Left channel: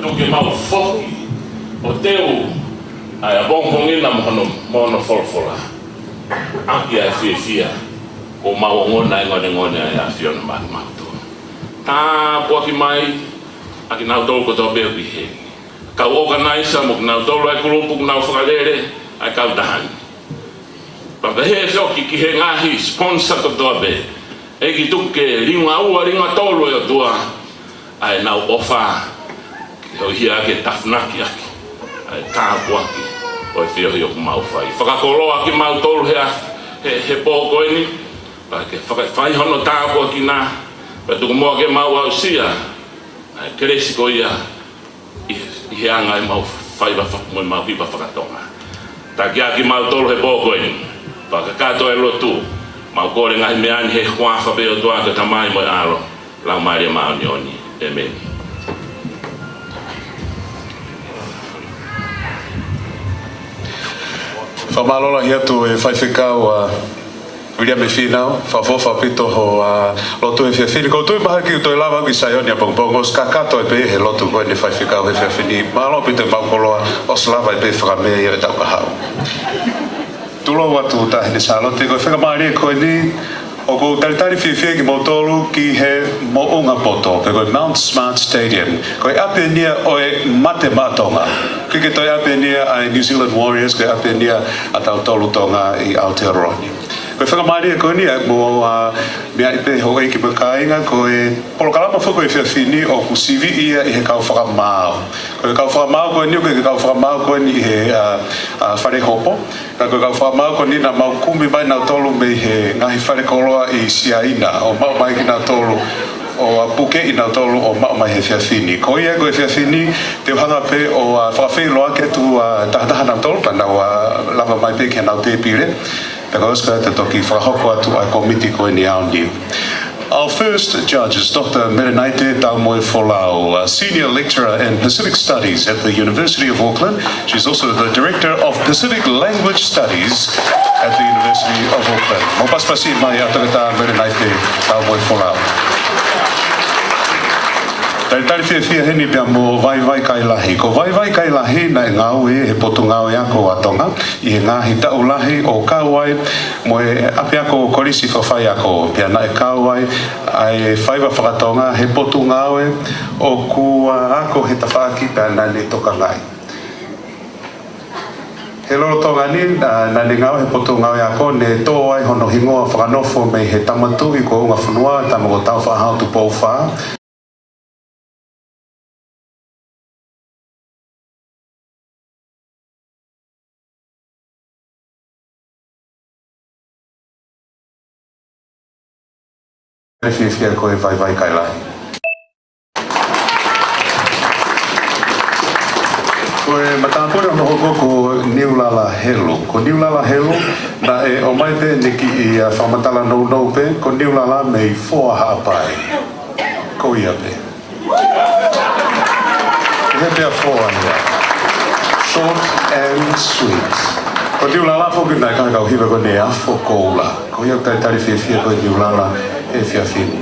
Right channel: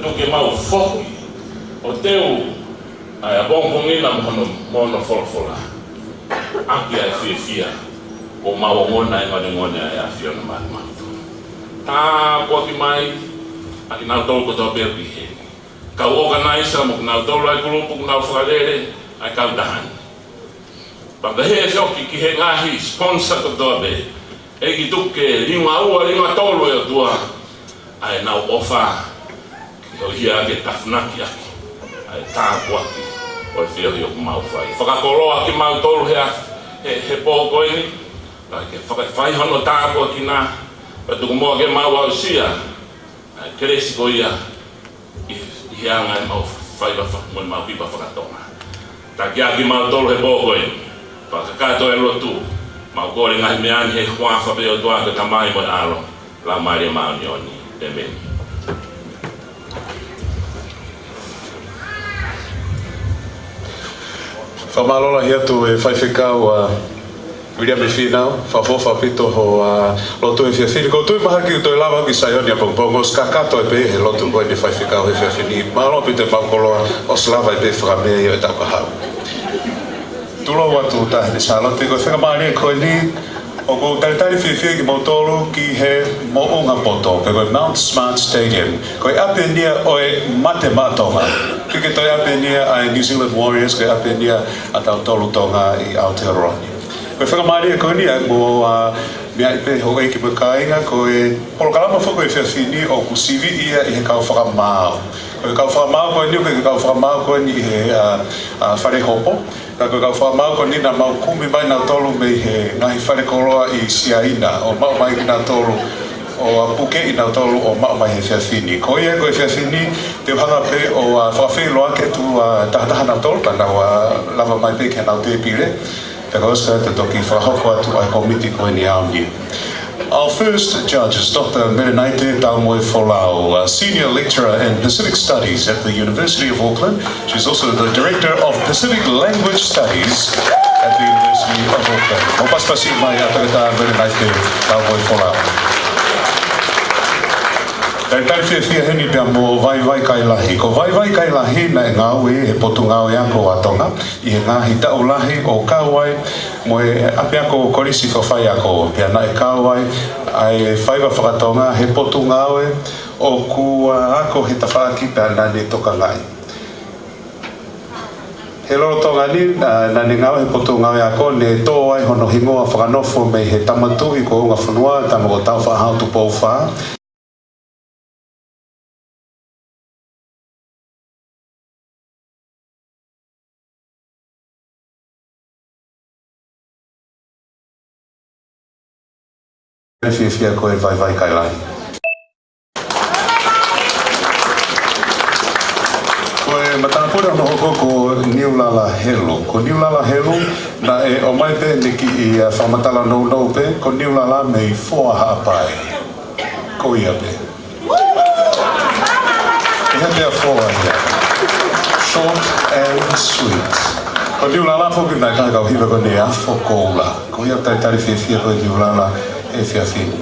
tuki mau foki o teu ai a bongo ngina mono folfola aki a fia o mau ngona ngone ai a fia no mau tu a poki mai aki na tolu ko to be bi ka organize mo na tolu ai grupo na falere ai ka dan pa he so ki he ngahi sponsor to be e ki tuke ringa tolu e tua ai na ofa o hia ke tafnaki aki ai tāpua aki o e whio ku mau whai whakakoroa ki mau tolu he pōko ini pa ke whai hono tāpua ki nā pa tuku mua ke mau au sia ai keresi ko ia i he anga i mau whai mo mau pipa whakatonga ta ki aki mau tolu he pōko ini pa ke kato e lotu mau kore ngai meani he huafa pe o tua ke tamai mo alo la mai mau nioni amen. Whamalola hiatu e whaiwhikau William e whinau, whawhofa pito ho lotu e whiawhini. Koutu i maha ki toi lava ki Saionia pongpongo, os kakato e pe he lotu koe ne whaiwhikau e whiawhini. Malo pito e maukoloa, os lava e pe whakamea i o e tau kahau. Tulo watu tahini sāloti, koe whakamari e koe ni, o ko taritari whiawhia ki Motolu ki he mo'unga poto, pe koe Mount Smart Stadium. Koe ape nia oe mate matonga. Kike toi ape nia ai New Zealand Warriors, koe ape nia a tau tolu tonga i Aotearoa. Koe whakamari e koe nia mo mea i pe ho eiki makainga, koe polokalama whako e whiawhini o kusivi ia i he kau whakamao. Koe kau whakamao koe ni, koe kau whakamao koe ni he whare hopo. Koe kau whakamao koe ni na mau kumi mai nau tolu me he ngahi whare koloa i Siaina, o mau mai ki nau tolu o puke i nau tolu o mau mai he whiawhini. Ko ia koe whiawhini te hanga pe o whawhi loa ke tu tahataha nau tolu ka nau lava mai pe ke nau te pire. Pekoska te toki whahoko atu ai komiti koe ni ao niu. Our first judge is Dr. Merenaite Taumoe Folau, Senior Lecturer in Pacific Studies at the University of Auckland. She's also the Director of Pacific Language Studies at the University of Auckland. Mo paspasi mai atagata Merenaite Taumoe Folau. Tai whiawhia heni pia mo vai kai lahi. Ko vai kai lahi na e ngau e he potu ngau e ako atonga. I he ngahi tau lahi o kauai mo e api ako korisi whawhai ako. Pia na e kauai ai whaiwa whakatonga he potu ngau e o ku ako he tawhaki pia na ni toka ngai. He lolo tonga ni na ni ngau he potu ngau e ako ne tō ai hono hingoa whakanofo me he tamatu i ko unga whanua tamo tau whahau tu pōwha. Whiawhia koe vai kai lahi. Koe matāpura mohoko ko Niulala Helu. Ko Niulala Helu na e o mai pe neki i whamatala nou pe, ko Niulala mei foa haapai. Ko ia pe. Ia pea foa. Short and sweet. Ko Niulala foki nai kai kau hiwa ko ne afo koula. Ko ia tai tari whiawhia koe Niulala e whiawhini.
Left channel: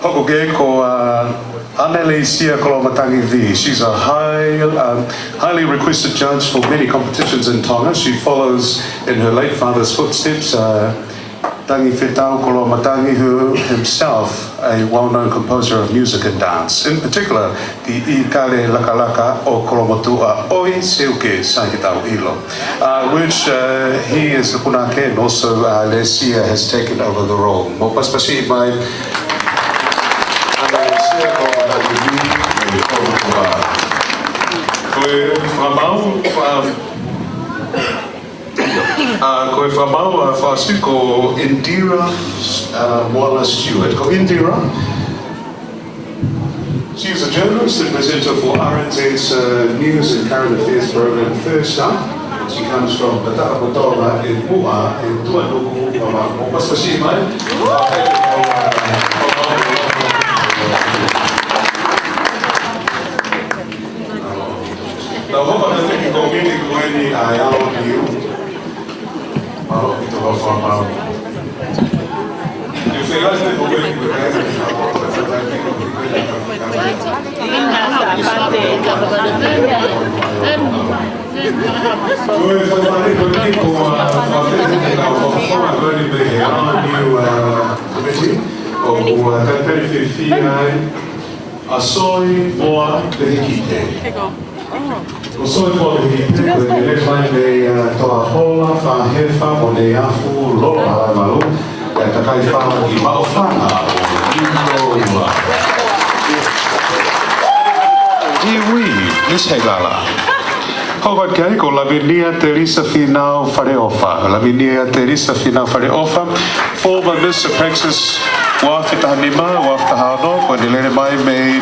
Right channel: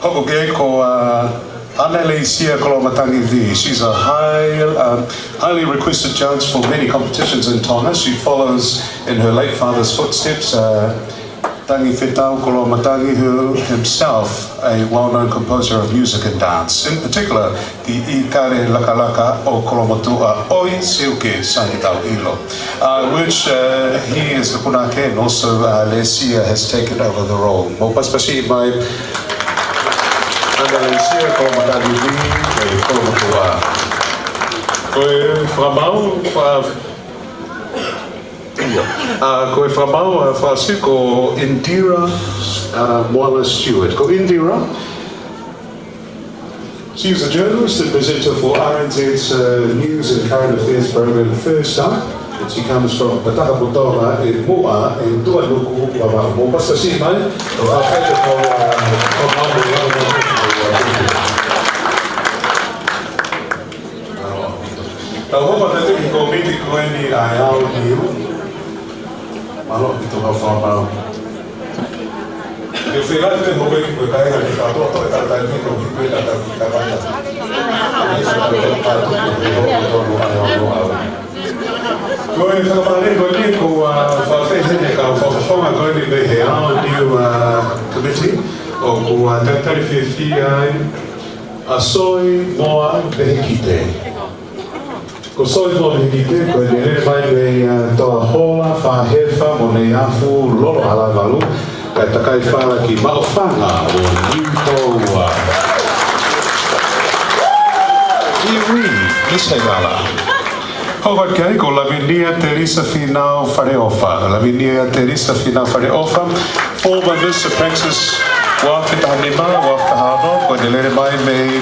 Hoko ke ko Anele Sia Kolomatangi V. She's a highly requested judge for many competitions in Tonga. She follows in her late father's footsteps. Tangi Whetau Kolomatangi, who himself a well-known composer of music and dance. In particular, the Ikare Lakalaka o Kolomatua Oi Seuke Sangitau Hilo, which he is the Punake and also Lesia has taken over the role. Mo paspasi mai Lesia Kolomatangi V e Kolomatua. Koe whamau koe whamau whasu ko Indira Moala Stewart. Ko Indira, she is a journalist and presenter for RNZ's News and Current Affairs program First Up. She comes from the Takapotoa in Mua, in Tuanuku, Mo paspasi mai, o whawhete ko Tau hopa na teki ko miti koeni ai ao niu. Eu fui lá e me roubei, porque aí eu estava Koe whamare ko ni ko whawhewhene ka whawhonga koe ni me he ana niu committee o kua tatari whiwhi ai a soi moa vehe ki te. Ko soi moa vehe ki te koe ni re mai me toa hola whahewha mo nei afu lolo alai walu kai takai whala ki maofanga o Nito Ua. Iwi, Miss Hegala. Howard Kei ko Lavinia Teresa Finau Fareofa. Lavinia Teresa Finau Fareofa. Former Miss Texas Wafitahanima, Wafitahano, ko nilere mai me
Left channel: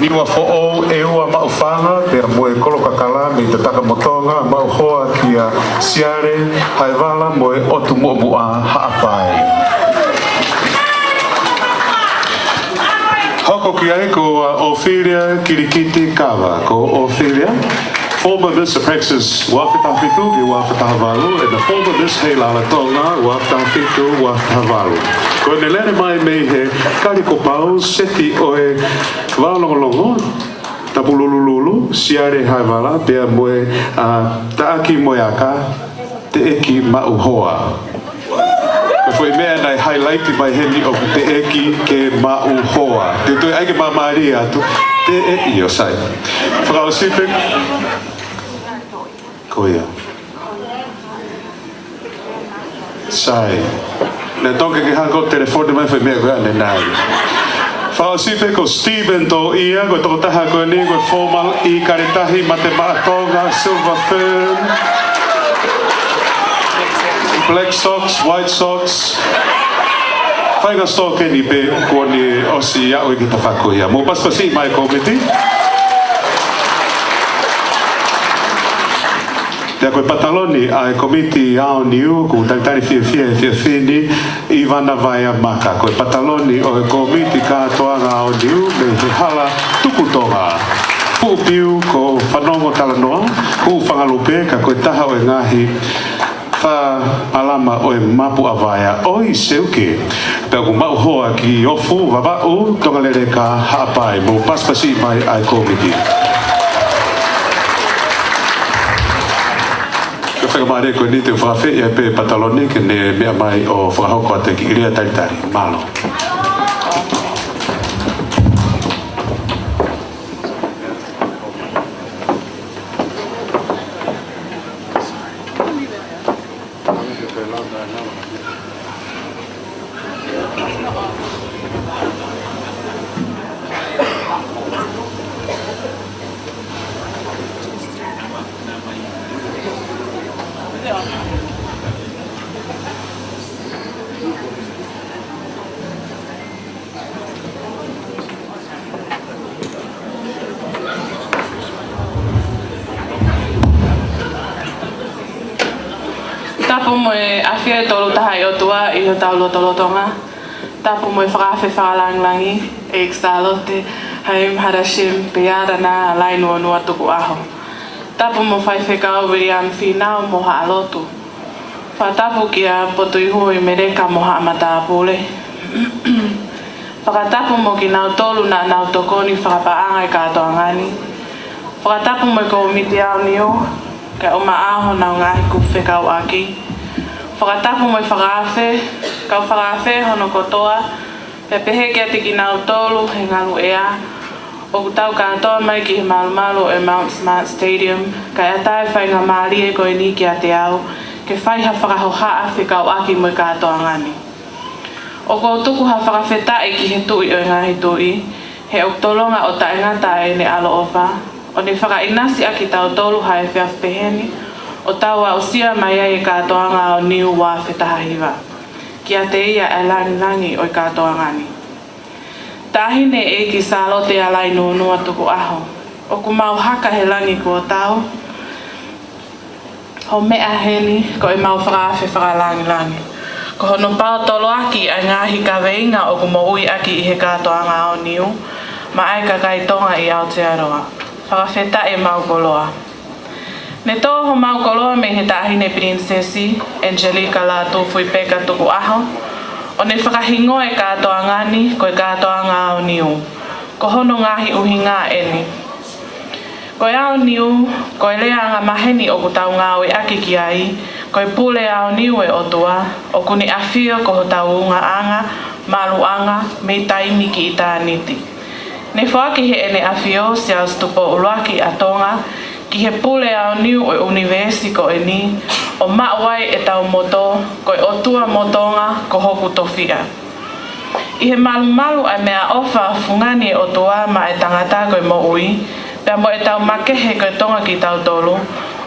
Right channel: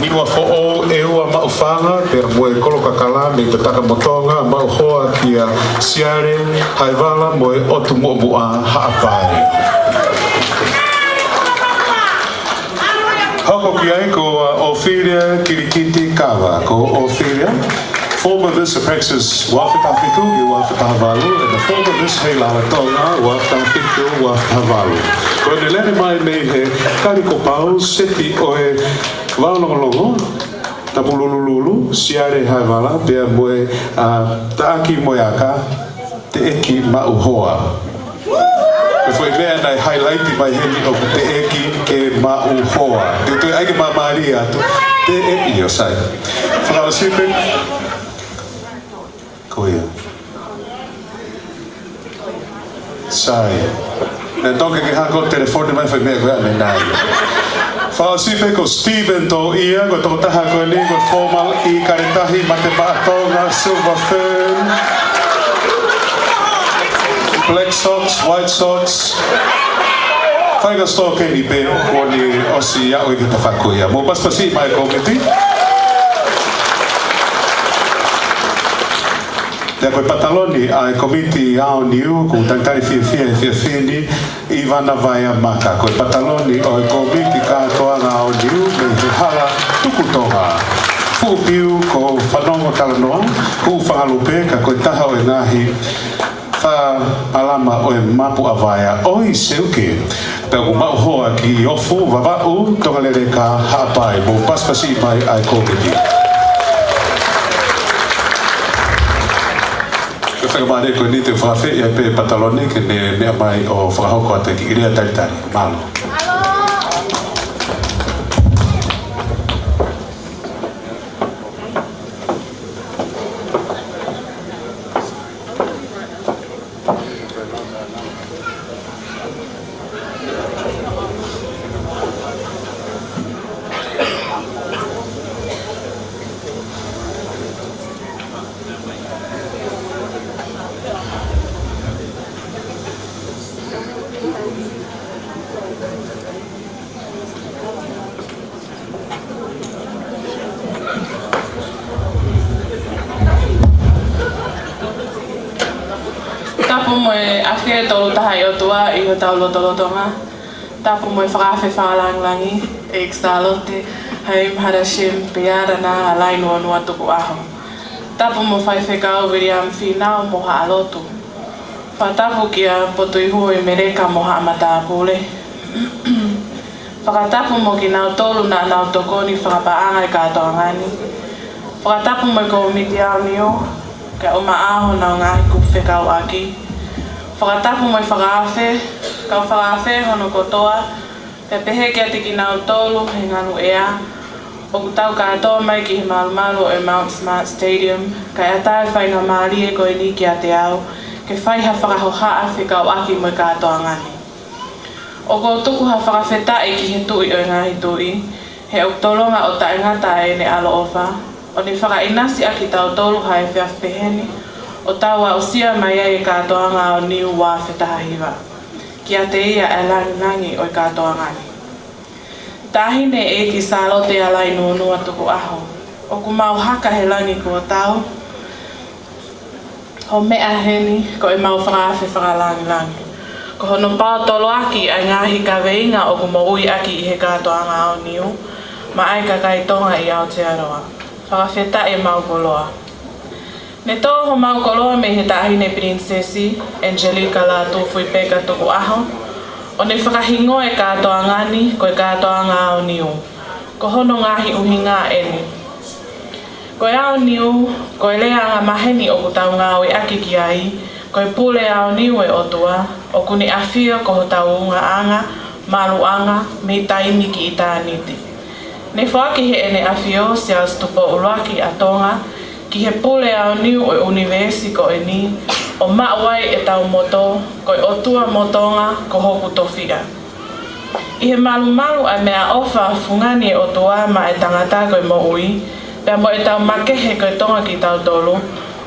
niwa fo'o eua maufanga, pera moe kolo kakala me te takamotonga, mauhoa kia siare, haiwala moe otu mo'omua haapai. Hoko kiai ko Ophelia Kirikiti Kawa, ko Ophelia. Former Miss Texas Wafitafiku, Wafitahavalu, and the former Miss Hela Tonga, Wafitafiku, Wafitahavalu. When the letter mai me he kariko pau, seki oe walongolongo, tapulululu, siare haiwala, pea moe taaki moe aka, te eki mauhoa. E foi mea nai highlighti mai heli o te eki ke mauhoa. Te toi ake ma Maria atu, te eki o sai. Whanau sipe, koia. Sai. Nē toke ke hako telefone mai whi mea koe ane nai. Whanau sipe ko Stephen to ia, ko toko taha koe ni, ko formal I karitahi ma te Maratonga, Silver Fern, Black Sox, White Sox. Whaiga sto keni pe ko ni osi au i kita whakoia. Mo paspasi mai komiti. Te koe pataloni ai komiti au niu, ko taitari whiwhini, Ivana Vaia Maka. Koe pataloni o komiti kātoana au niu, me he hara tukutoa. Fupiu ko whanongo talanoa, ku whangalope ka koe taha o e ngahi, wha alama o e mapu a Vaia. Oi seuke, ka ko mauhoa ki ofu, wawau, tongalere ka hapai, mo paspasi pai ai komiti. Mare ko ni te whawhi ia pe patalone ke ne mea mai o whahoko te ki iria taitari. Malo. Tapu mo whaiwhekau William Finau mo haalotu. Whatapu kia potoi hui mereka mo haamatapule. Whakatapu mo ki nau tolu na nau tokoni whapaanga katoa ngani. Whakatapu mo ka omiti au niu, ka oma aho na ngani kuwhekau aki. Whakatapu mo whakaafe, ka whakaafe hono kotoa, e pehe kia tiki nau tolu he ngaru ea. O kutau katoa mai ki Maumalo e Mount Smart Stadium, ka e tae whai ka maari e koe ni ki a te au, ke whai ha whakahohaa whikau aki mui katoa ngani. O ko tuku ha whakawheta e ki he tui o ngahi tui, he o tolonga o tae ngata e ne alo ofa, o ni whakainasi aki tau tolu hai whiawh peheni, o tau au sia mai e katoa ngā o nihu wā whetahiwa, ki a te ia e langi o katoa ngani. Tahine e ki salote alai nunua tuku aho. O ku mau haka he langi kua tau. O mea heli ko e mau whakawhi whakalangi. Ko hono pao tolo aki ai ngahi ka veinga o ku moui aki i he katoanga o niu. Ma ai ka kaitonga i Aotearoa. Whakawheta e mau koloa. Ne toho mau koloa me he tahine prinsesi Angelica la tofui peka tuku aho. O ne whakahingo e katoa ngani ko e katoa ngā o niu. Ko hono ngahi uhi ngā eni. Ko ao niu, ko lea nga maheni o ku tau ngā oe ake ki ai, ko pule ao niu e otua, o kuni awhia ko ho tau unga anga, maruanga, me taimi ki i tāniti. Ne whaki he ene awhio se au stupo uruaki a tonga, ki he pule ao niu o universi ko e ni, o mawai e tau moto, ko e otua motonga ko hoku tofia. I he malu ai mea ofa fungani e otua ma e tangata ko e mo ui, pea mo e tau makehe koe tonga ki tau tolu,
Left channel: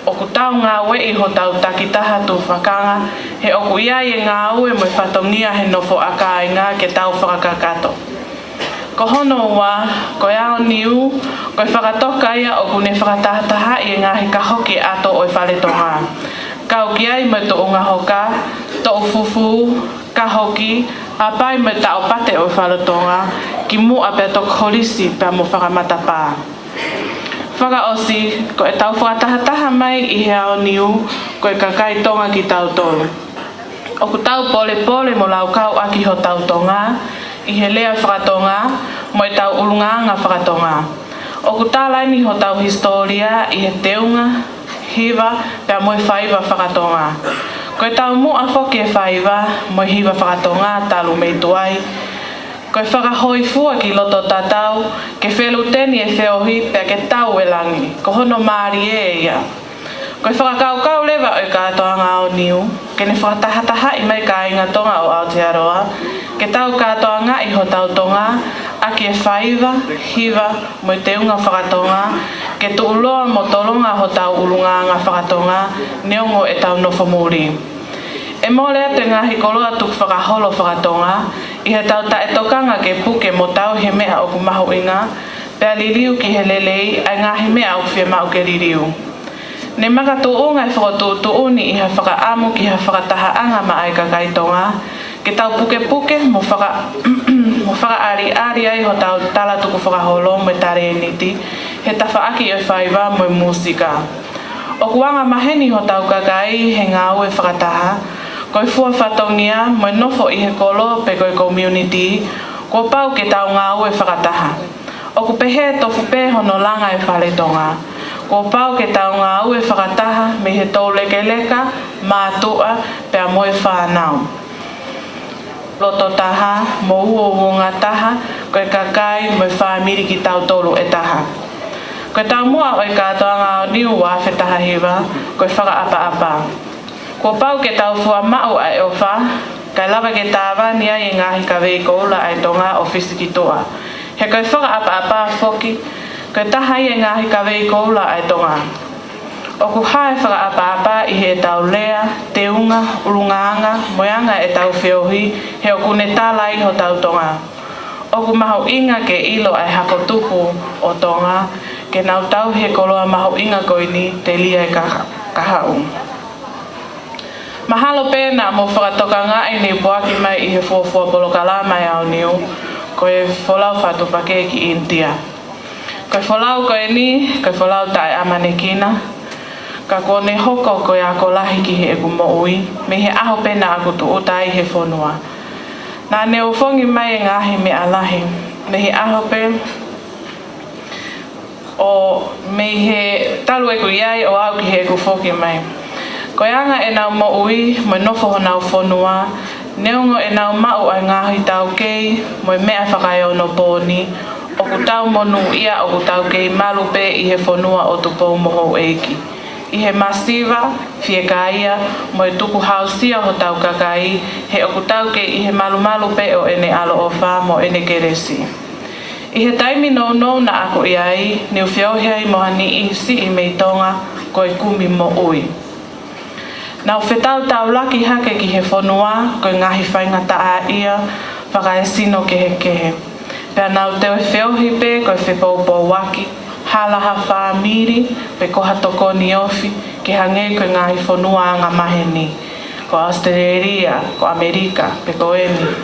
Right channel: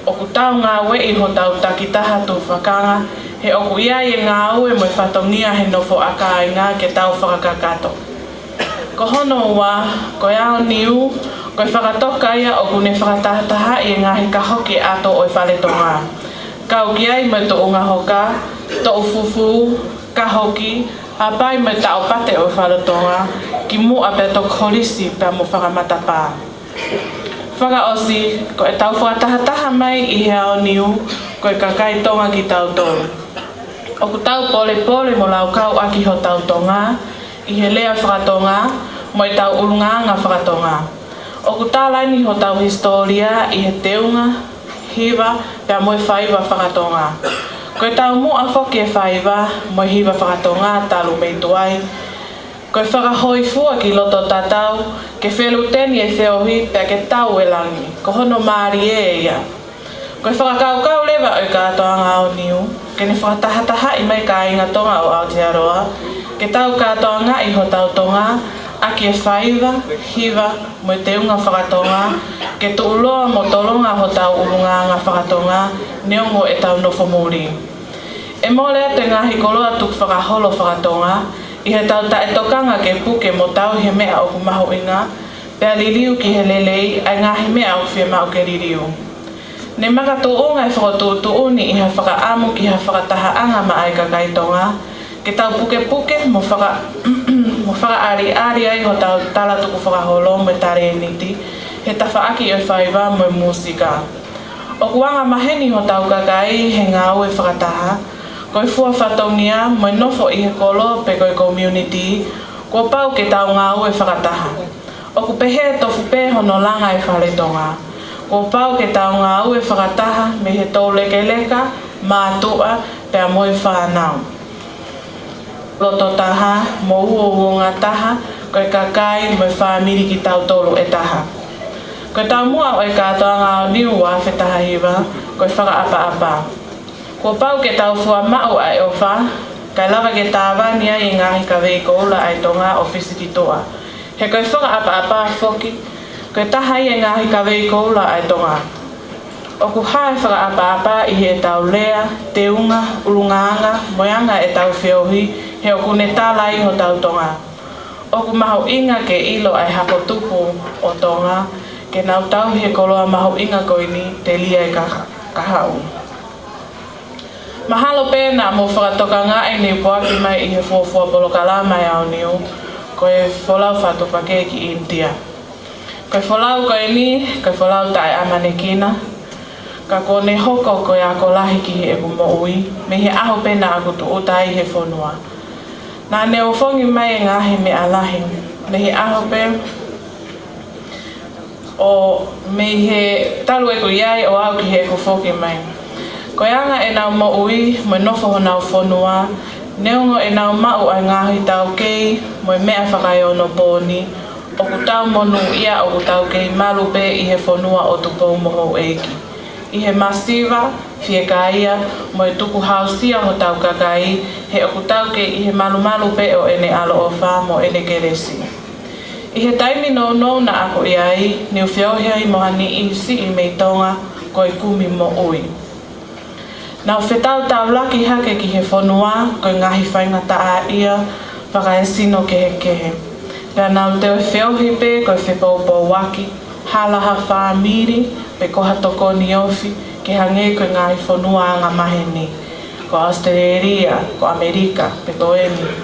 o ku tau ngā wei ho tau takitaha tu whakanga, he o ku ia i ngā ue mo i whatongia he nofo aka i ngā ke tau whakakato. Ko hono ua, koe ao niu, koe whakatoka ia o ku ne whakatahataha i ngā he kahoki ato o i whaletonga. Kau ki ai me to unga hoka, to ufufu, kahoki, a pai me tau pate o i whaletonga, ki mu a pe tok holisi pea mo whakamatapaa. Whakaosi, ko e tau whakatahataha mai i he ao niu, ko e kakai tonga ki tau tonu. O ku tau pole mo lau kau aki ho tau tonga, i he lea whakatonga, mo e tau urunganga whakatonga. O ku tālaini ho tau historia i he teunga, hiva, pea mo e whaiva whakatonga. Ko e tau mua whoke e whaiva, mo e hiva whakatonga, talu mei tuai, ko e whakahoi fua ki loto tatau, ke whelu teni e whiohi pia ke tau e langi, ko hono maari e ia. Ko e whakakau lewa o i katoanga o niu, ke ne whakatahataha i mai ka inga tonga o Aotearoa, ke tau katoanga i ho tau tonga, aki e whaiva, hiva, mo i te unga whakatonga, ke tuuloa mo tolonga ho tau urunga ngā whakatonga, neongo e tau nofo muri. E molea te ngahi koloa tuk whakaholo whakatonga, i he tau ta e tokanga ke puke mo tau he mea o ku mahu inga, pea liliu ki he lelei ai ngā he mea o whia mau ke liliu. Ne maka tuunga e whakatuuni i he whakaamu ki he whakatahaanga ma ai kakaitonga, ke tau puke mo whakaari ai ho tau tala tuku whakaholo mo tare niti, he tawhaaki e whaiva mo musika. O kuanga maheni ho tau kakai he ngā ue whakataha, ko i fua whatongia mo nofo i he kolo pe koe community, ko pau ke tau ngā ue whakataha. O ku pehe tofu pe hono langa e whaletonga, ko pau ke tau ngā ue whakataha me he tau lekeleka, mātua, pea mo e whanau. Loto taha, mo uonga taha, koe kakai mo e whamiri ki tau tolu e taha. Koe tau mua o e katoa ngā niu wa whetaha hiwa, koe whakaapa. Ko pau ke tau fua mau ai ofa, kai lava ke tāwa nia i ngahi ka wei koula ai tonga o whisikitoa. He koe whakaapa foki, koe taha i ngahi ka wei koula ai tonga. O ku hae whakaapa i he tau lea, teunga, urungaanga, moyanga e tau whiohi, he o ku ne tālai ho tau tonga. O ku mahu inga ke ilo ai hako tupu o tonga, ke nau tau he koloa mahu inga koini te lia e kahau. Mahalo pēnā mo whakatoka ngā e ni puaki mai i he fuafua polokala mai au niu, ko e wholau whatupake ki India. Ko e wholau koe ni, ko e wholau tai amanekina, ka kone hoko ko e ako lahi ki he eku mo ui, me he aho pēnā aku tu utai he whonua. Nā ne o whongi mai e ngāhi me alahi, me he aho pē, o me he taru eku iai o au ki he eku whoki mai. Ko anga e nau mo ui, mo nofo ho nau whonua, neongo e nau mau ai ngahi tau kei, mo mea whakai o no pōni, o ku tau monu ia o ku tau kei malu pe i he whonua o tupo moho eki. I he masiva, fie kaia, mo e tuku hausia ho tau kakai, he o ku tau kei i he malu pe o ene alo o wha mo ene keresi. I he taimi no na ako iai, ni uwhiohia i mohani i si i mei tonga, ko i kumi mo ui. Nau whetau tau laki hake ki he whonua, koe ngahi whaingata a ia, whaka e sino kehe. Pea nau teo e whiohi pe, koe whepaupo waki, halaha whaamiri, pe koha toko ni ofi, ke hange koe ngahi whonua anga maheni. Ko Australia, ko Amerika, pe ko eni.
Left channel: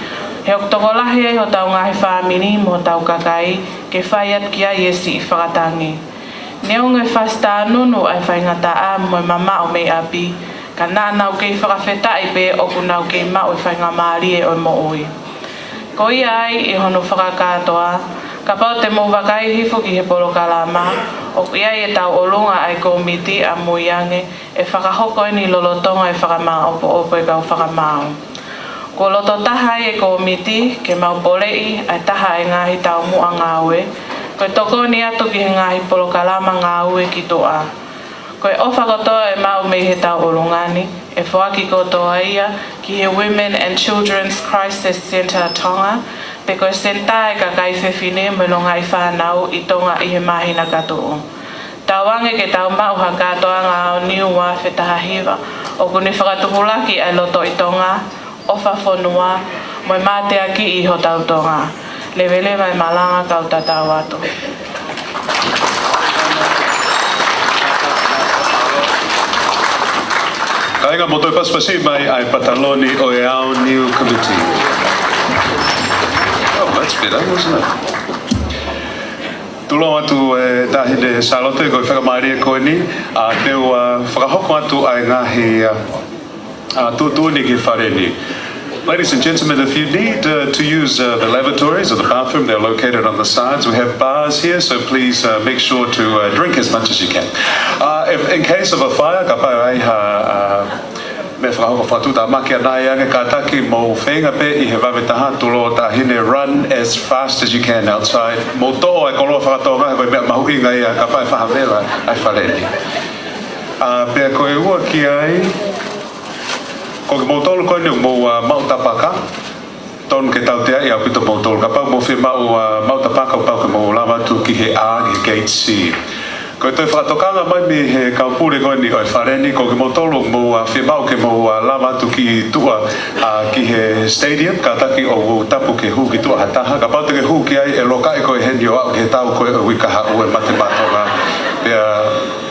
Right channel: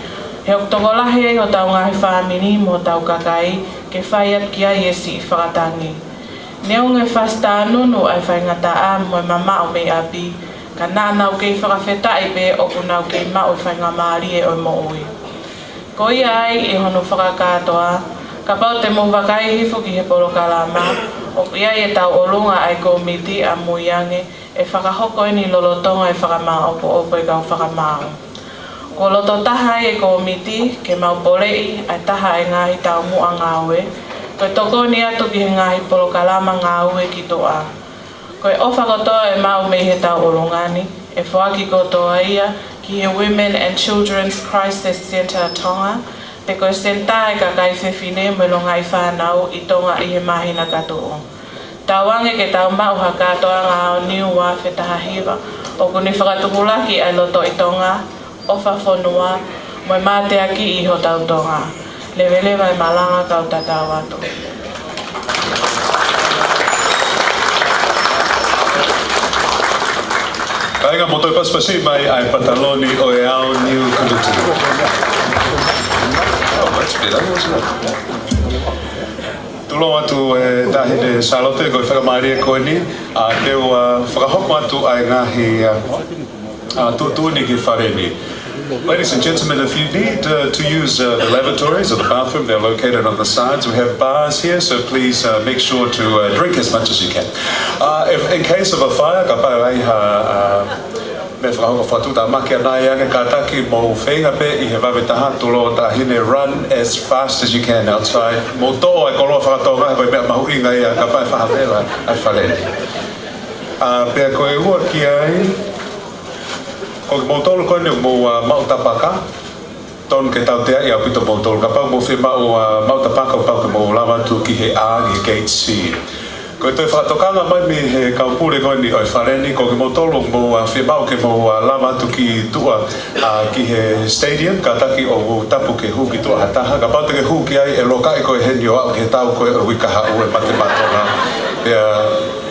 He o toko lahi ai ho tau ngahi whaamiri, mo tau kakai, ke whaiat ki ai esi i whakatangi. Neonge whasta anunu ai whaingata a, mo mama o mei api, ka nānau kei whakawhetai pe o ku nau kei mau e whainga maari e o mo ui. Ko ia ai i hono whakakatoa, ka pau te mō wakai hifu ki he polo kalama, O ia e tau olunga ai komiti a muiange e whakahoko ni lolotonga e whakamaupo e kau whakamau. Ko loto taha e komiti ke maupolei ai taha e ngahi tau mua ngawe. Ko toko ni atu ki he ngahi polokalama ngawe ki toa. Ko e ofa kotoa e mau me he tau olungani e whaaki kotoa ia ki he Women and Children's Crisis Centre Tonga. Peko senta e ka kai whewhine me longa i whanau i tonga i he mahina katoa. Tawange ke tau mau ha katoa ngā o niu wā whetaha hewa. O kuni whakatukulaki ai loto i tonga, ofa whonua, moi mātea ki i ho tau tonga. Lewele mai malanga kau tatau atu. Ainga mo toi paspasi mai ai pataloni o e ao niu kuruti. Oh, that's better, wasn't it? Tulo atu e tahine salote ko whakamari e koe ni, a teo whakahoko atu ai ngahi tuuni ki whare ni. Ladies and gentlemen, if you need to use the lavatories or the bathroom, they're located on the sides. We have bars here, so please make sure to drink as much as you can. If in case of a fire, ka pai ai me whakahoko whatuta maki anai anga ka taki mo whenga pe I he wawetaha tulo tahine run as fast as you can outside. Mo toa e koloa whakatoa ngahi mea mahu inga ia ka pai whahamela ai whareni. Pea koe ua ki ai, ko ke mautolu koe ni mo mautapaka, ton ke tau tea I au pito mautolu. Ka pau mo whi mautapaka pau ke mo lawatu ki he A, ki he gate C. Ko te whakatokanga mai mi he kaupure koe ni oi whareni, ko ke motolo mo whimau ke mo lawatu ki tua ki he stadium, ka taki o tapu ke hu ki tua hataha, ka pau te ke hu ki ai e loka e koe henio au ki he tau koe o wikaha ue matematonga, pea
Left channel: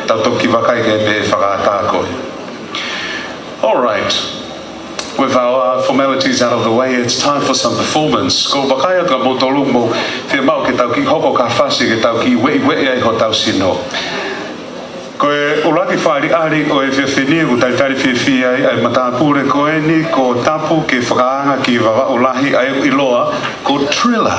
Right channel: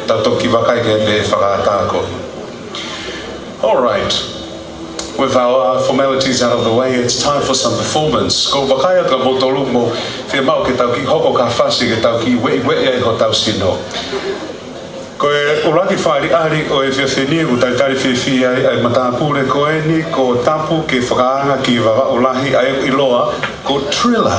tatoki wakai ke te whakatako. All right. With our formalities out of the way, it's time for some performance. Ko wakaya ka motolu mo whimau ke tau ki hoko ka whasi ke tau ki wei ai ho tau sino. Ko e uraki whaari ari o e whiawhinia ku taitari whiawhia ai matapure ko e ni ko tapu ke whakaanga ki wawa ulahi ai iloa ko Triller.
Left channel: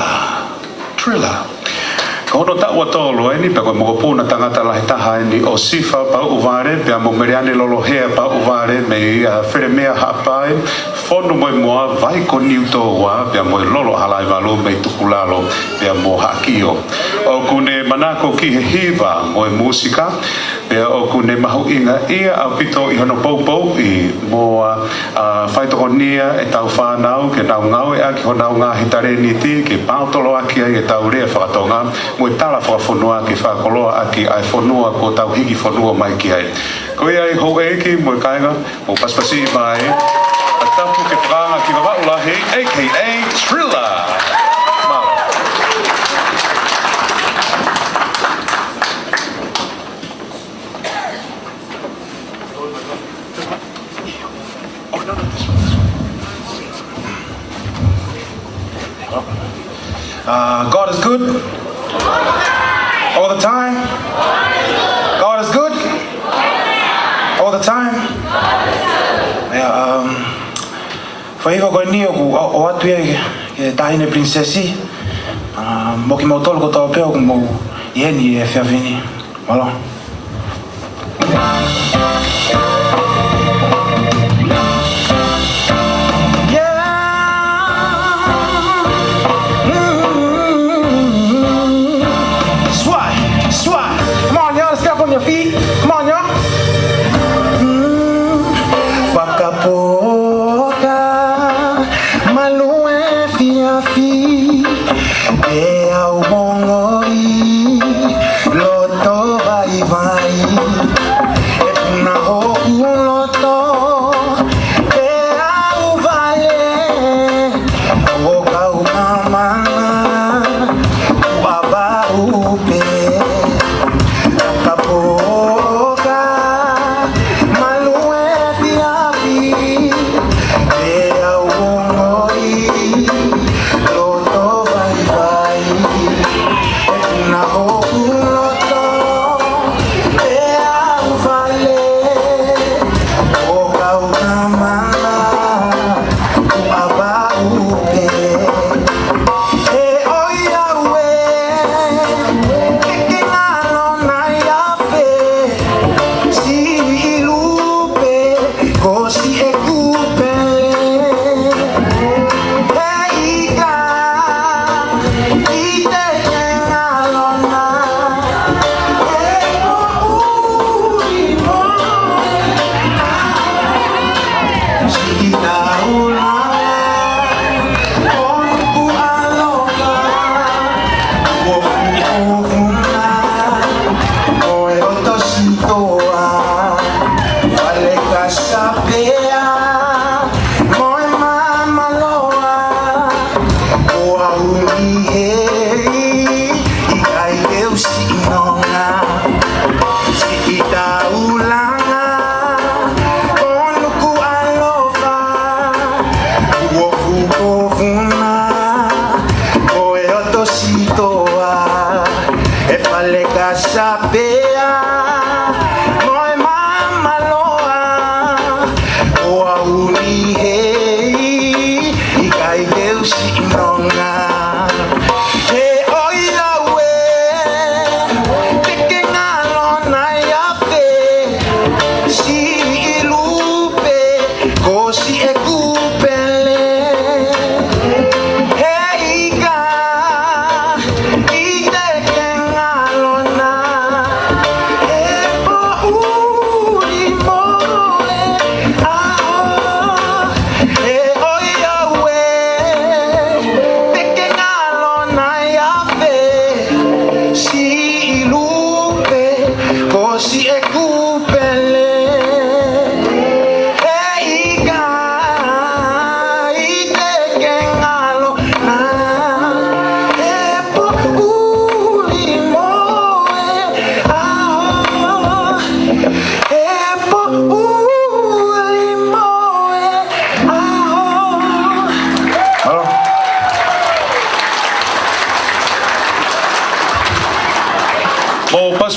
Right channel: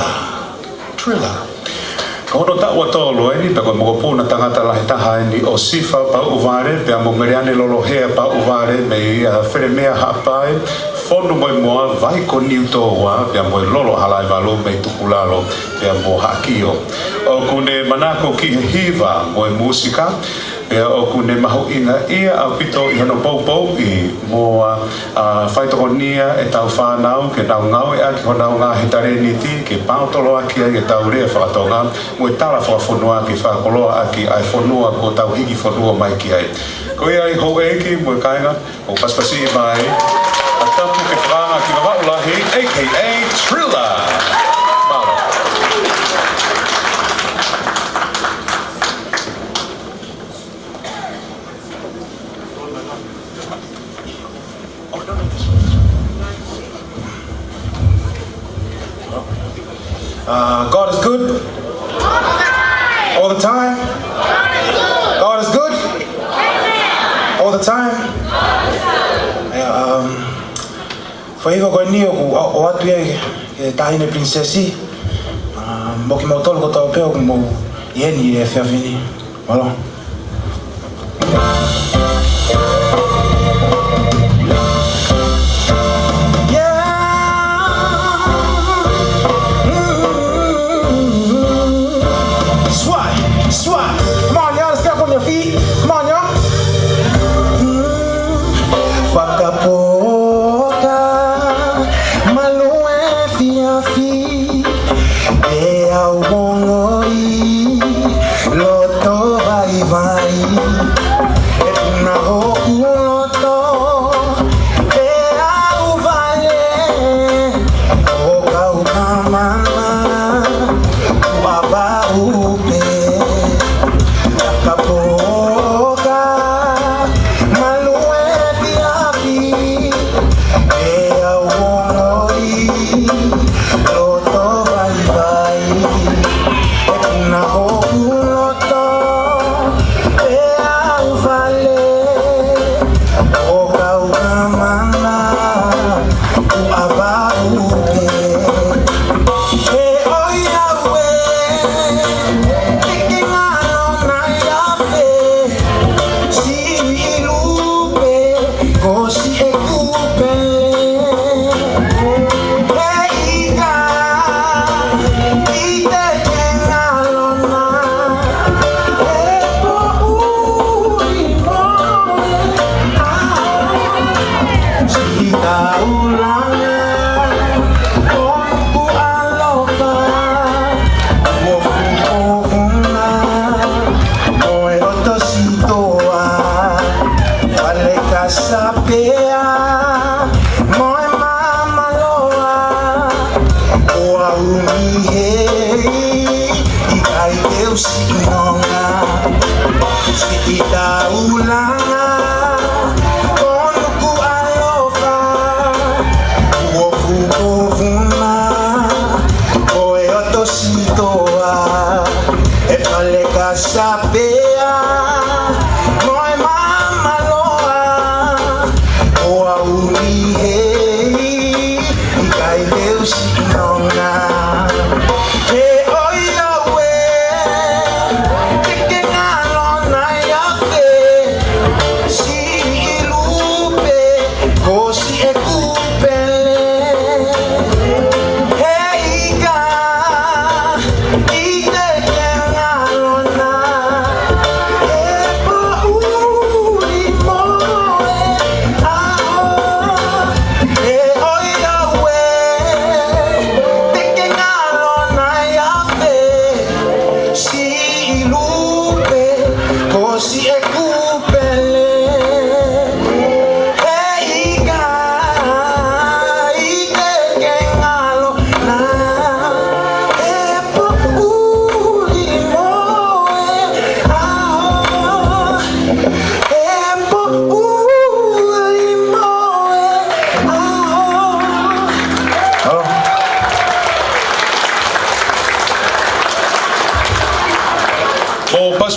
Ko hono taua tolo e ni pe koe mokopuna tangata lahi taha e ni o sifa pa uvare, pea mo meriane lolo hea pa uvare me where mea hapai, whonu moe moa vai ko niu toa, pea moe lolo halai walo me tukulalo, pea mo hakio. O kune manako ki he hiva moe musika, pea o kune mahu inga ia au pito I hono poupou I mo whaitoko nia e tau whanau ke nau ngau e aki ho nau ngā he tare ni ti ke pautolo aki ai e tau rea whakatonga mo e tala whakafonua ki whakoloa aki ai fonua ko tau hiki fonua mai ki ai. Ko ia e hou eiki mo e kainga o paspasi I mai a tapu ke whanga ki wawaulahi a.k.a. Triller. God is good. All the time. God is good. All the time. Whaiva koe ni o atu e tahine princesi. Mo ki mautolo ko tau peo mo I heni e whiawhini. Malo.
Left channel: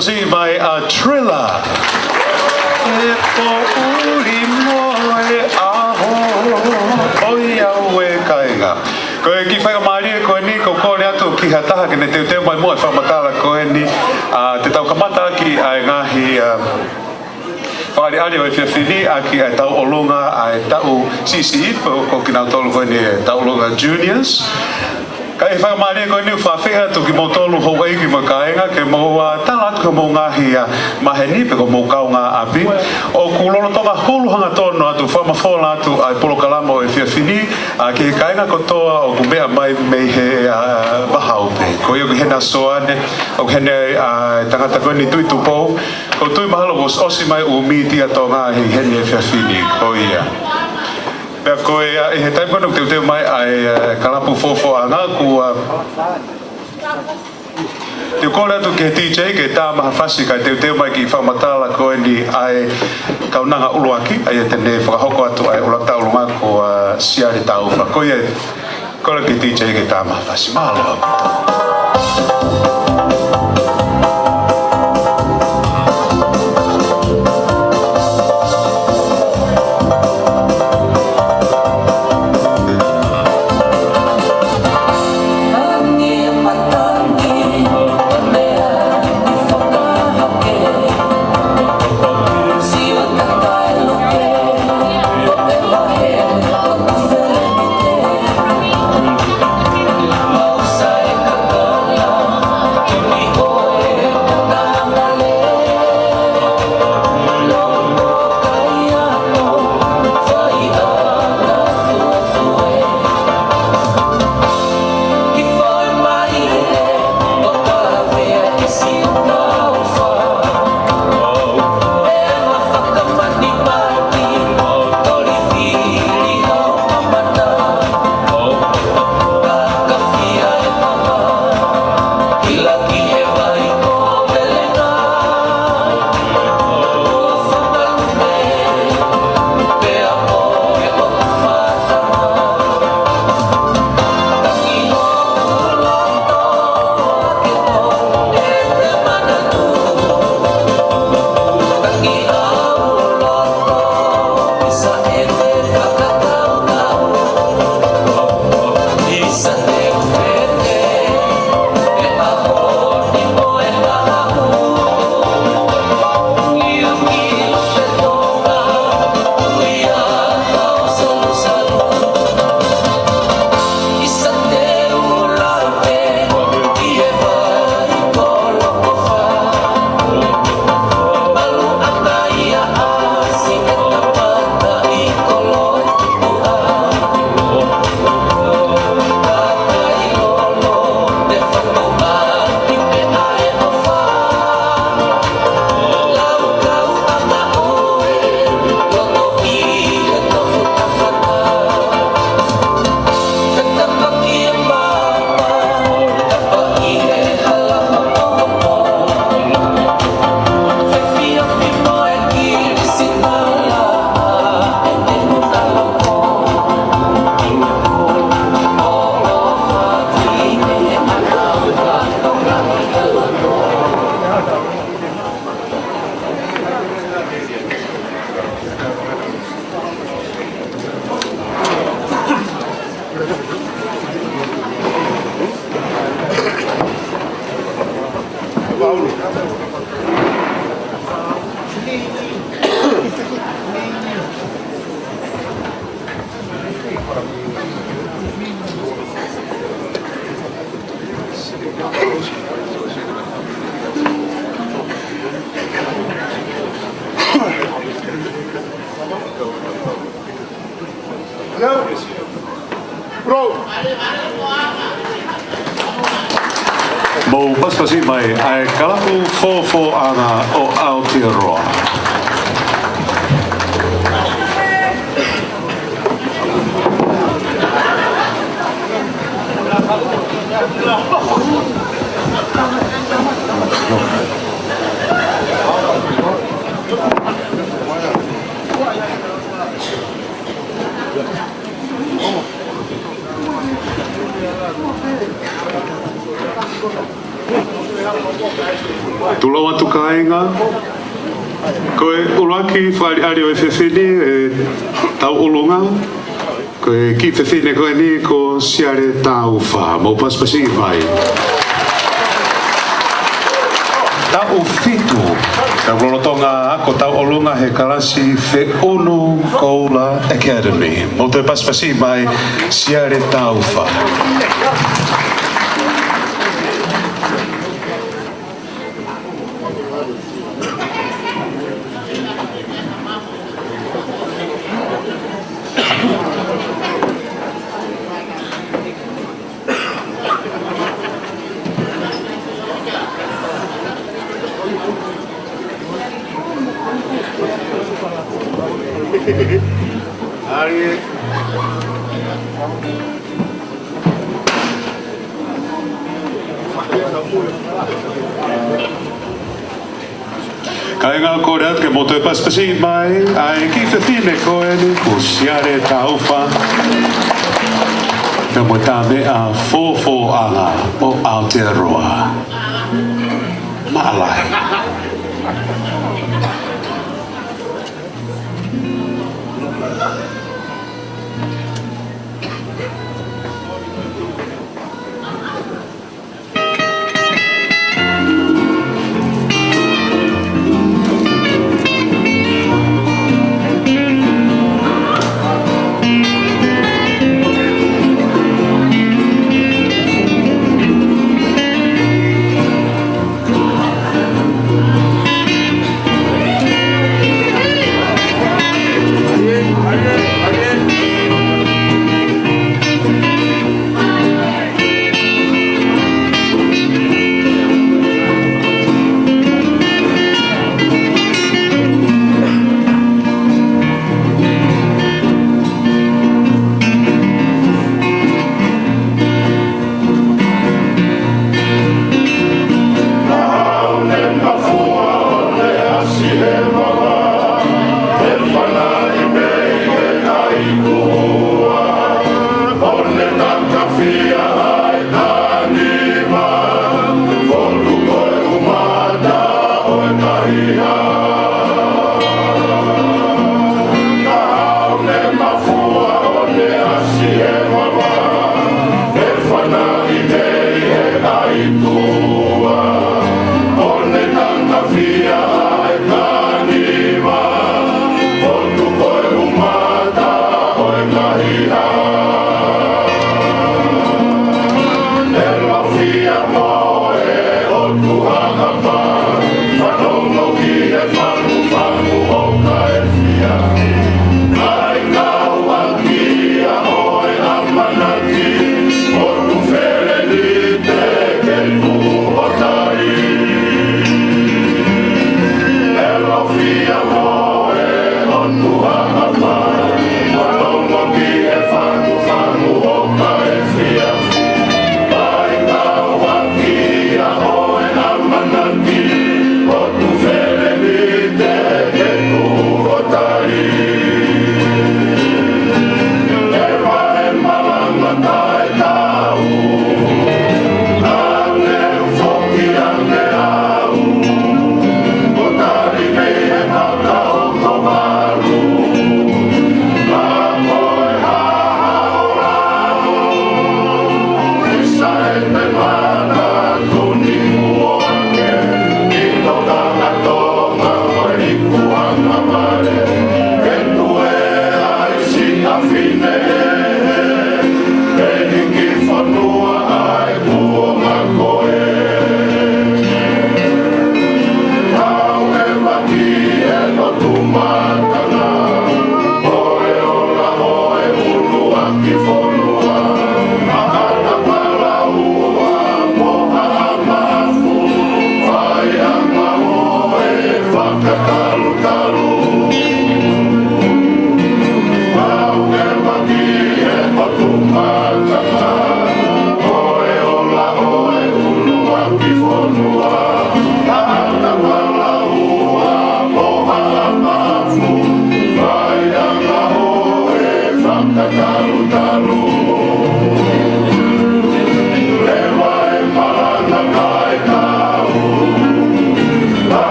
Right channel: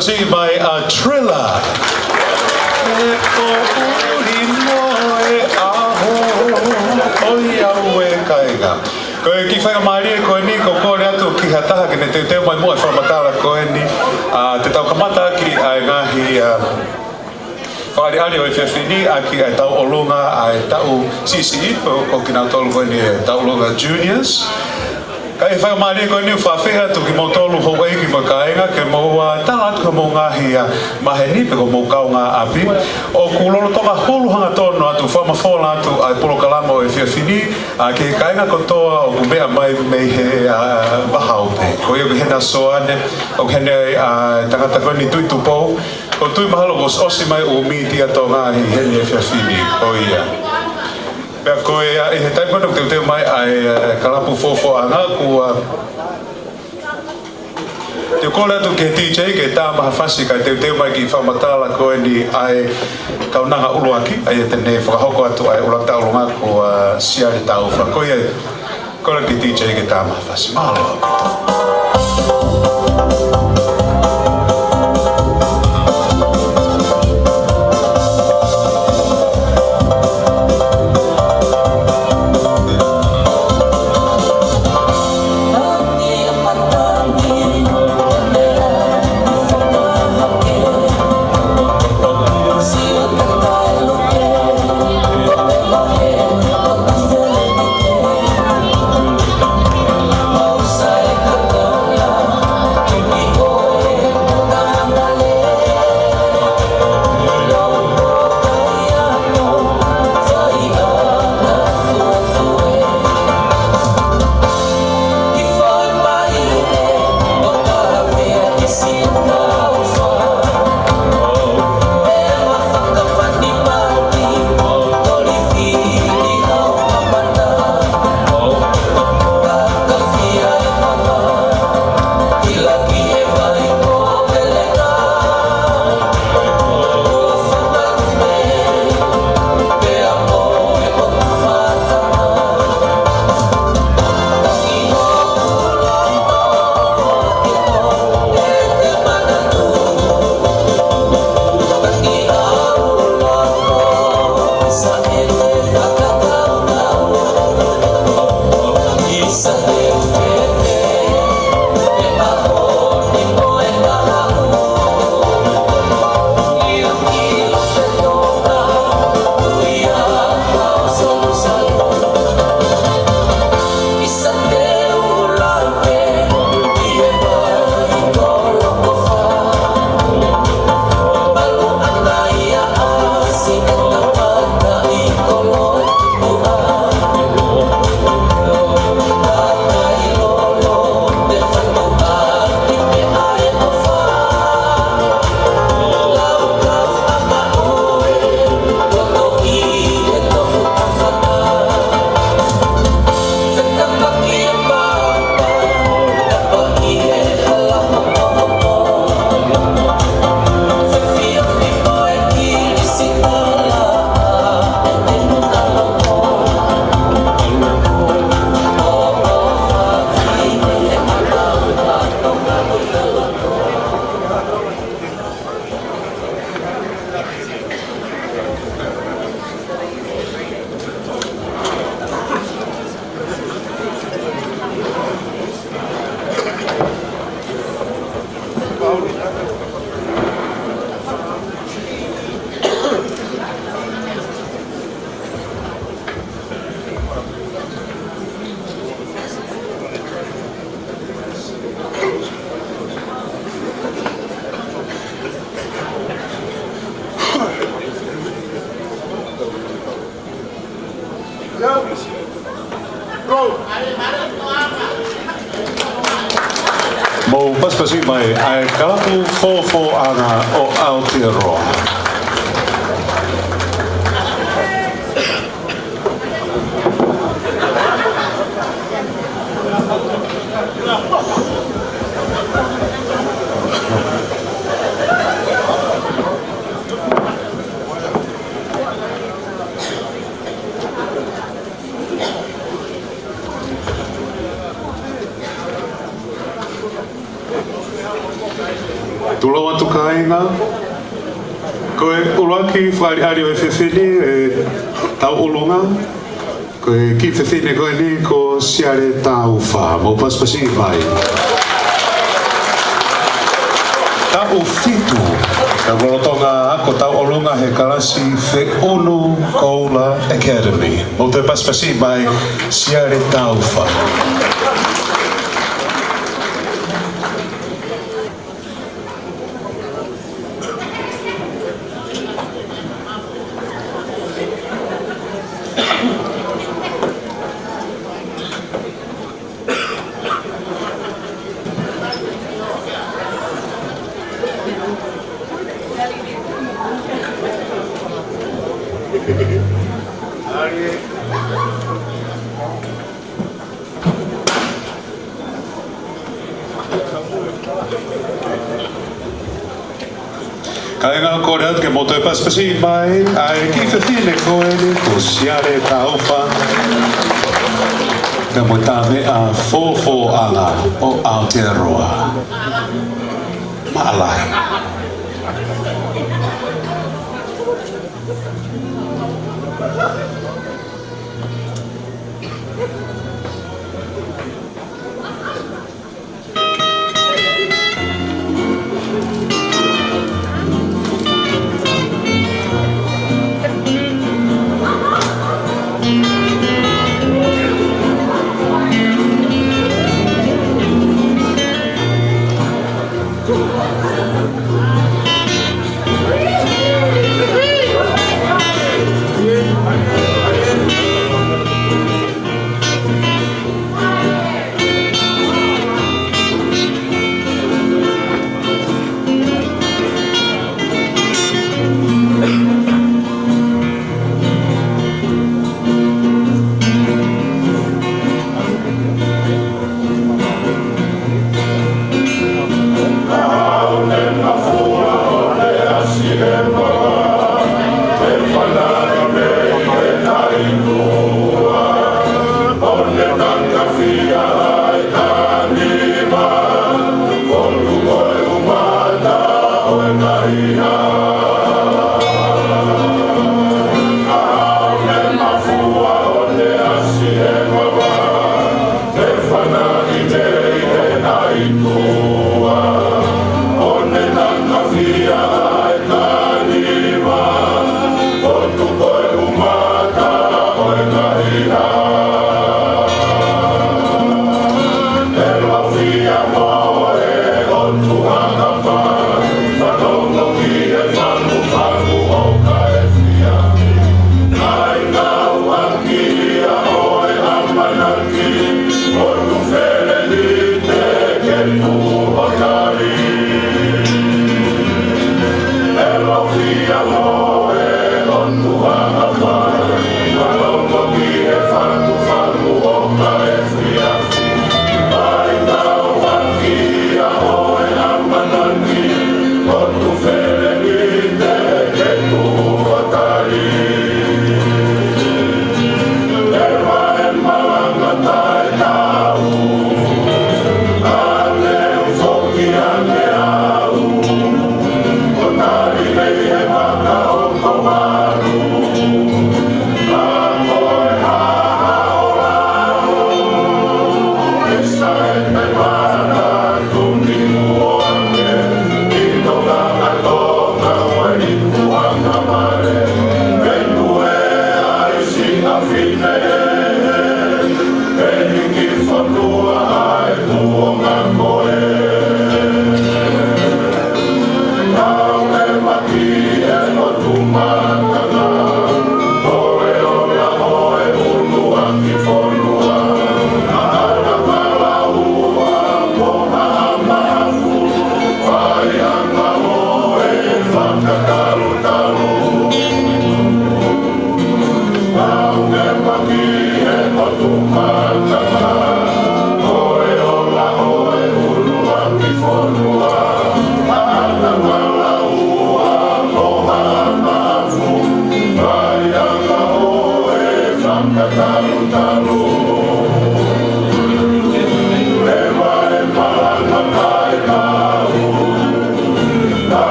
Pasipasi mai a Trilla. E ko uri moe aho, oi au e kainga. Ko e ki whaia maari ko e ni ko kore atu ki hataha ke ne teo mai moe whamatala ko e ni te tau kamata ki ai ngahi whaare ari o e whiawhini a ki ai tau olunga ai tau CCI ko ki nā tolu ko e ni tau olunga juniors. Ka e whai maari koe ni whawhiha tu ki mo tolu hou eiki ma kaenga ke mo talat ko mo ngahi mahe nipe ko mo kau ngā api. O kuloro tonga huluhanga tono atu whamawhola atu ai polo kalama o e whiawhini a ki he kaenga kotoa o ku mea mai mei he wahaupe. Ko iu hena soane o hene tangata koe ni tui tupo. Ko tui mahalo was osi mai o miti ato ngahi hene e whiawhini ko ia. Pea koe e he taipano te teo mai ai kalapu fofo anga ku te kore atu ke DJ ke tā maha whasi kai te teo mai ki whamatala koe ni ai kaunanga uluaki ai e tene whakahoko atu ai ulata ulunga ko siari tā uwha koe e kore ki DJ ke tā maha whasi mahalo aku Mo pasipasi mai ai kalapu fofo ana o Aotearoa. Tula watu kainga. Koe ulaki whaihari me whewhine e tau ulunga. Koe ki whewhine koe ni ko siare tau wha. Mo paspasi mai. Tau whitu. Ka rolotonga ako tau ulunga he karasi whe onu koula academy. Mo te paspasi mai siare tau wha. Kainga korat ke moto pas pasi mai ai ki fine koe siare taufa. Kamu tabe a fofo ala o Aotearoa. Nala.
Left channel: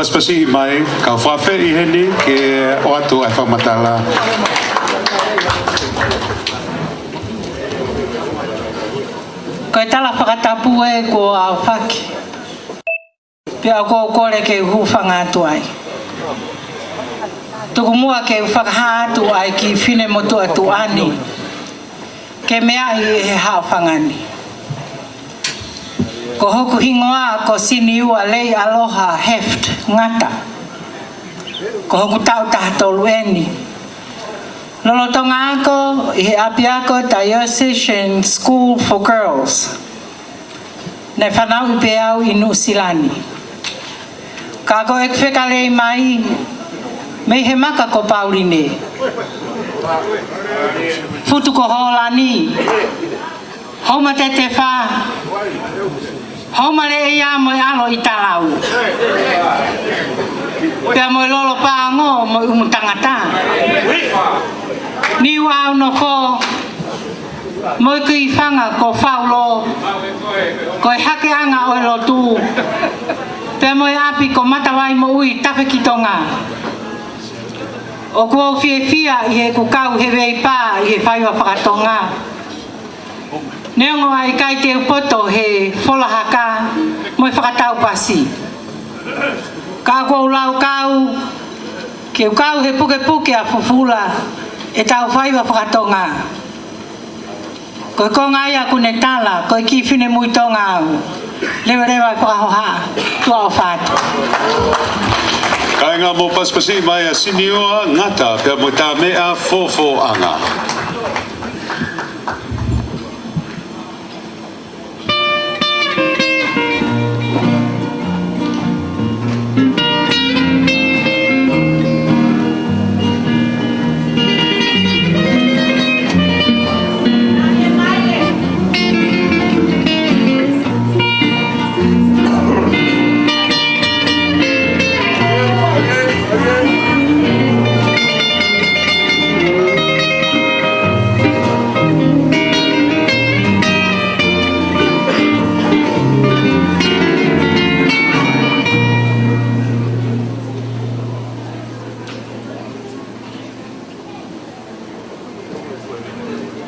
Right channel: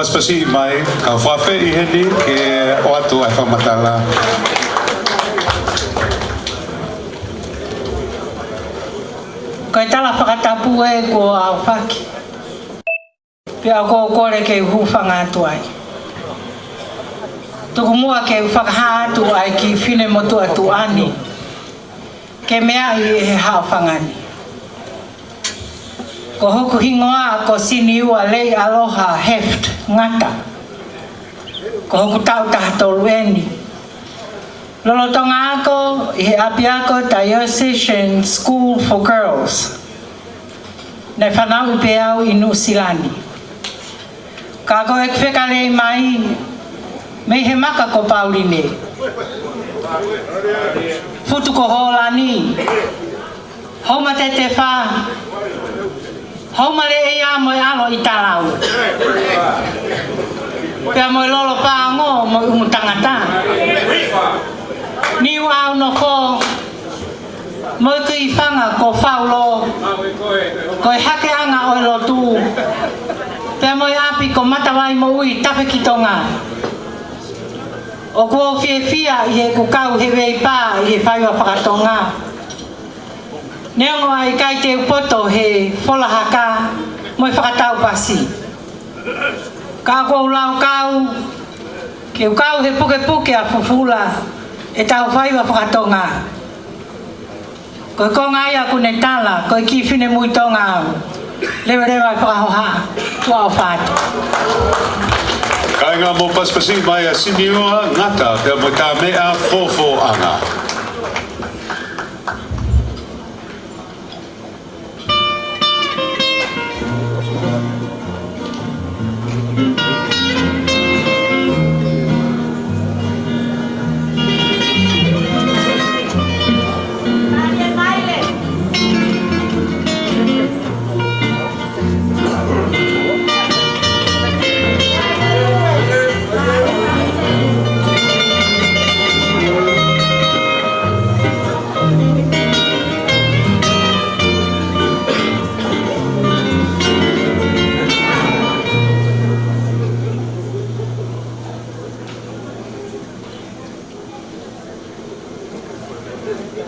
Paspasi mai ka fafe I heni ke o atu ai whamatala. Koe tala whakatapu e ko a whaki. Pia ko kore ke hufanga atu ai. Tuku mua ke whakaha atu ai ki whine motu atu ani. Ke mea I he hao whangani. Ko hoku hingoa ko sini ua lei aloha heft ngata. Ko hoku tau tahatolu eni. Lolo tonga ako I he api ako Diocesan School for Girls. Ne whanau I peau I Nusilani. Ka ko ek whekalei mai me he maka ko Pauline. Futu ko holani. Homa te te wha. Homa le ea mo alo I talau. Pea mo lolo paango mo umutangata. Ni wao no ko mo ki fanga ko faulo. Ko hake anga o lo tu. Pea mo api ko matawai mo ui tape ki tonga. O ko fie fia I he kukau he wei pa I he whaiwa whakatonga. Neo ai kai te upoto he wholahaka mo I whakatau pasi. Ka ko lau kau ke kau he poke poke a fufula e tau whaiwa whakatonga. Ko konga ia kune tala ko ki whine mui tonga au. Lewa rewa whakahoha tua o whātu. Kai ngā mō paspasi mai a siniua ngata pia mo tā mea fofo anga. Oh,